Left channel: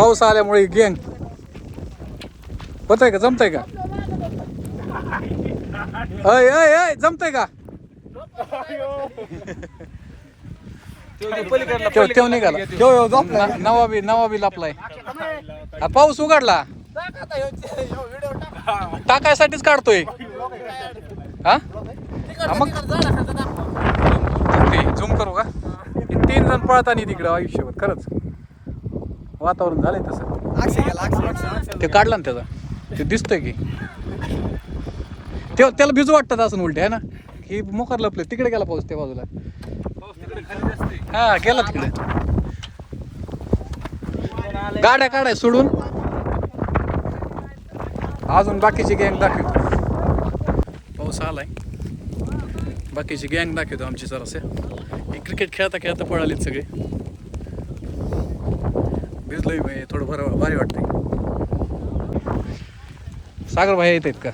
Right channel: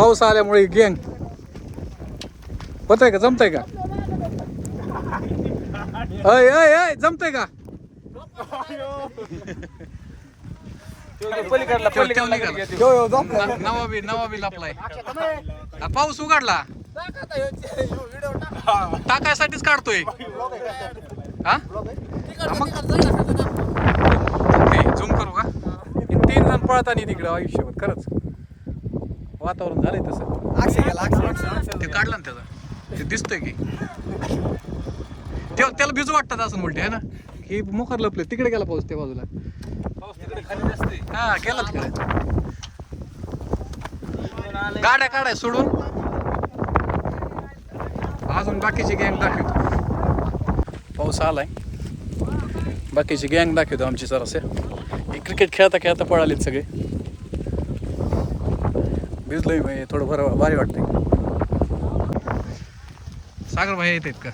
पाऊस आल्यामुळे गँग. होत आहे का? जमतंय का? अय अय अय जमतंय का? ठेव ठेव निघाला. न- नवाबी नवाबी लापलाय. आ, पाऊस उघडला? टाकायसाठीच काढतोय. हा? हा, मग? झूम करू का? हे तीन जण पळतानी तिकडं आयुष्यभर खरंच. वातावरण झालंय तसं. ते काढला ना त्याचा. ते दिसतंय की. तेव्हा त्याला भिजू वाटतात असं उलटे आहे ना? की मोकार लपले. तिकडे गेला पाऊस त्या बाजूला. हा गेला तिकडे. गाड्या काढाय सोडून. अजून बाकीची गँग दाखवतो. पाऊस आलाय. बाकीची गँग दाखवतो आमची सरास हे क्रिकेट खेळता खेळता पळालेत सगळे. भिजलोय भाई थोडं बरं भारी वाटतंय. सागर भाई येत आहेत का?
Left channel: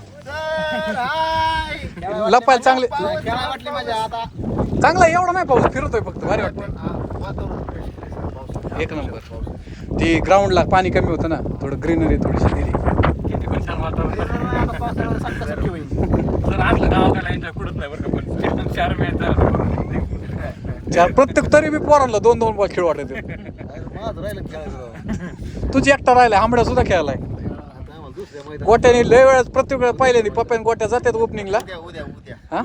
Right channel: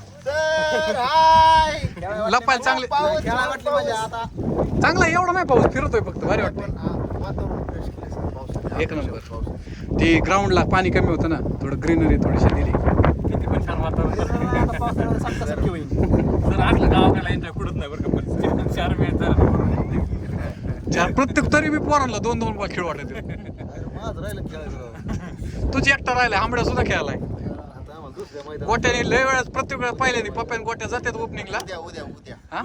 लपायला चांगले वाटली माझ्या आता चांगला एवढा नाही पाऊस फिरतोय फक्त भारी वाटतंय. एक नंबर. ती ग्राउंडला पाणी कमी होतं ना थोडं ग्रीनरी थोडीशी दिली. चार प्रत्येक तरी बी पोरांना दोन दोन बॉल खेळ वाटत माझं राहिलं खेळायचं. तुझी एकटा राहिला आंबड्या सुद्धा खेळालाय गोट्याने लय वेळेस प्रत्येक वेळेस पहिल्यांदा पप्प्यान गोट्या जातात ओपनिंगला हा?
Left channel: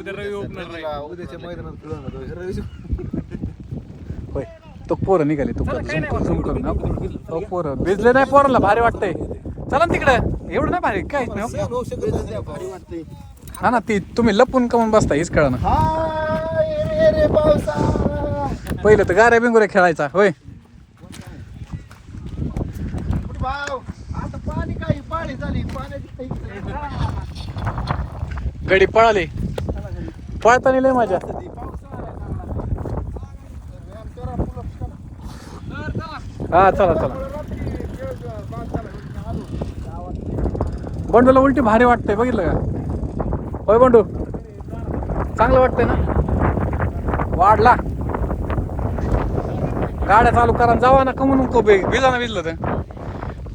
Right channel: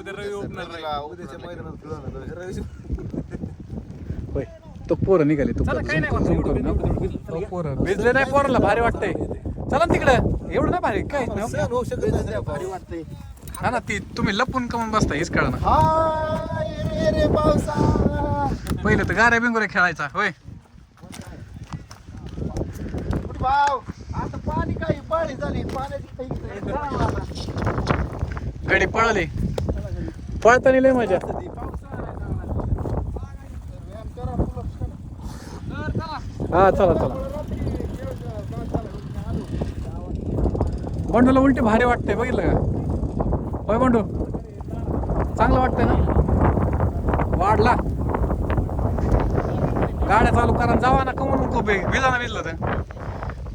होय. तो पोरं निघाले तो झूम करून हा. तो पोरं भिजले नाही पोराला भारी वाटतंय. चला ना तिकडे. एवढं नाही भारी काहीच नाही हो. नाही, हा ना ती तुम्ही लपून कमून बसता हीच कळा ना. हाय रे रे पावसा पहिलं तर गाऱ्या बिंगुऱ्या खेळायचा होय पाव आता पाणी काही पाळी झाली. पाण्याची. गडी पळाली. पळताना लय मजा. हा चला चला. बंडूला उलटी भारी वाटतंय बघितलं का? होय बंडू? चांगलं वाटतंय ना? वाढला. गाड्या चालू करा जावा ना कमून बे भिजा ना भिजलं तर.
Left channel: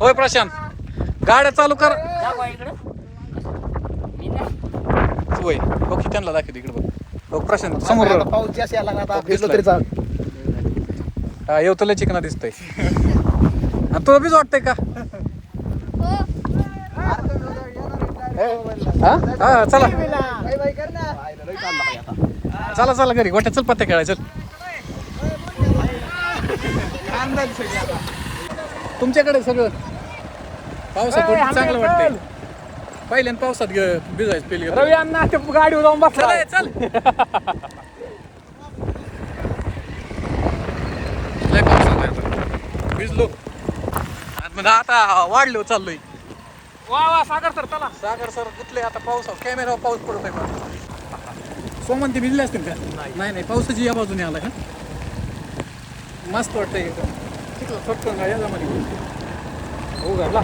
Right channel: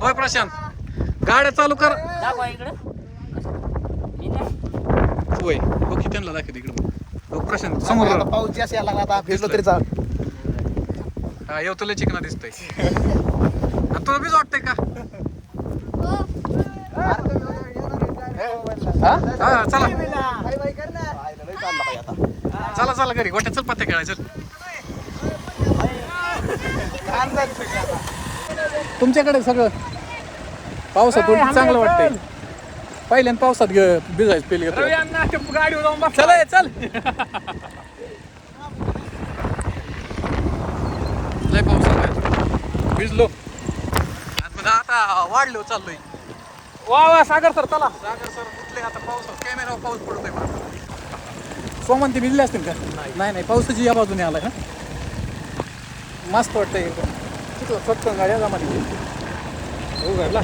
होय प्रशांत? गाड्या चालू कर. होय हो की त्यांना दाखव इकडे बघ. हो प्रशांत समोर आता पाऊस जास्त यायला लागला आता भिजलो तरी चालेल. हा येवतले चिकना दिसतंय. आणि तुला बीज वाटतंय का? हा? हा चला. चला चला घरी. गोट्या चल पत्ते सगळे आता. तुमच्याकडे सगळं पावसात उलटी चांगलं वाटतंय. पहिल्यान पावसात ग भिजायचं पेली रवी अण्णा ते गाडीवर जाऊन बस चल लय पावसात. भिजलो. मग आता वाढलो चाललोय. वा वा सागर सर चला. सागर सर कुठले आता पावसात? कॅमेरावर पाऊस पडतोय मला सोमन ते भिजले असतील का? नाही नाही पावसाची या बाजूने आला का? मस्त वाटतंय एकदम. चिखला स्वच्छ गाड्या जमा उघडला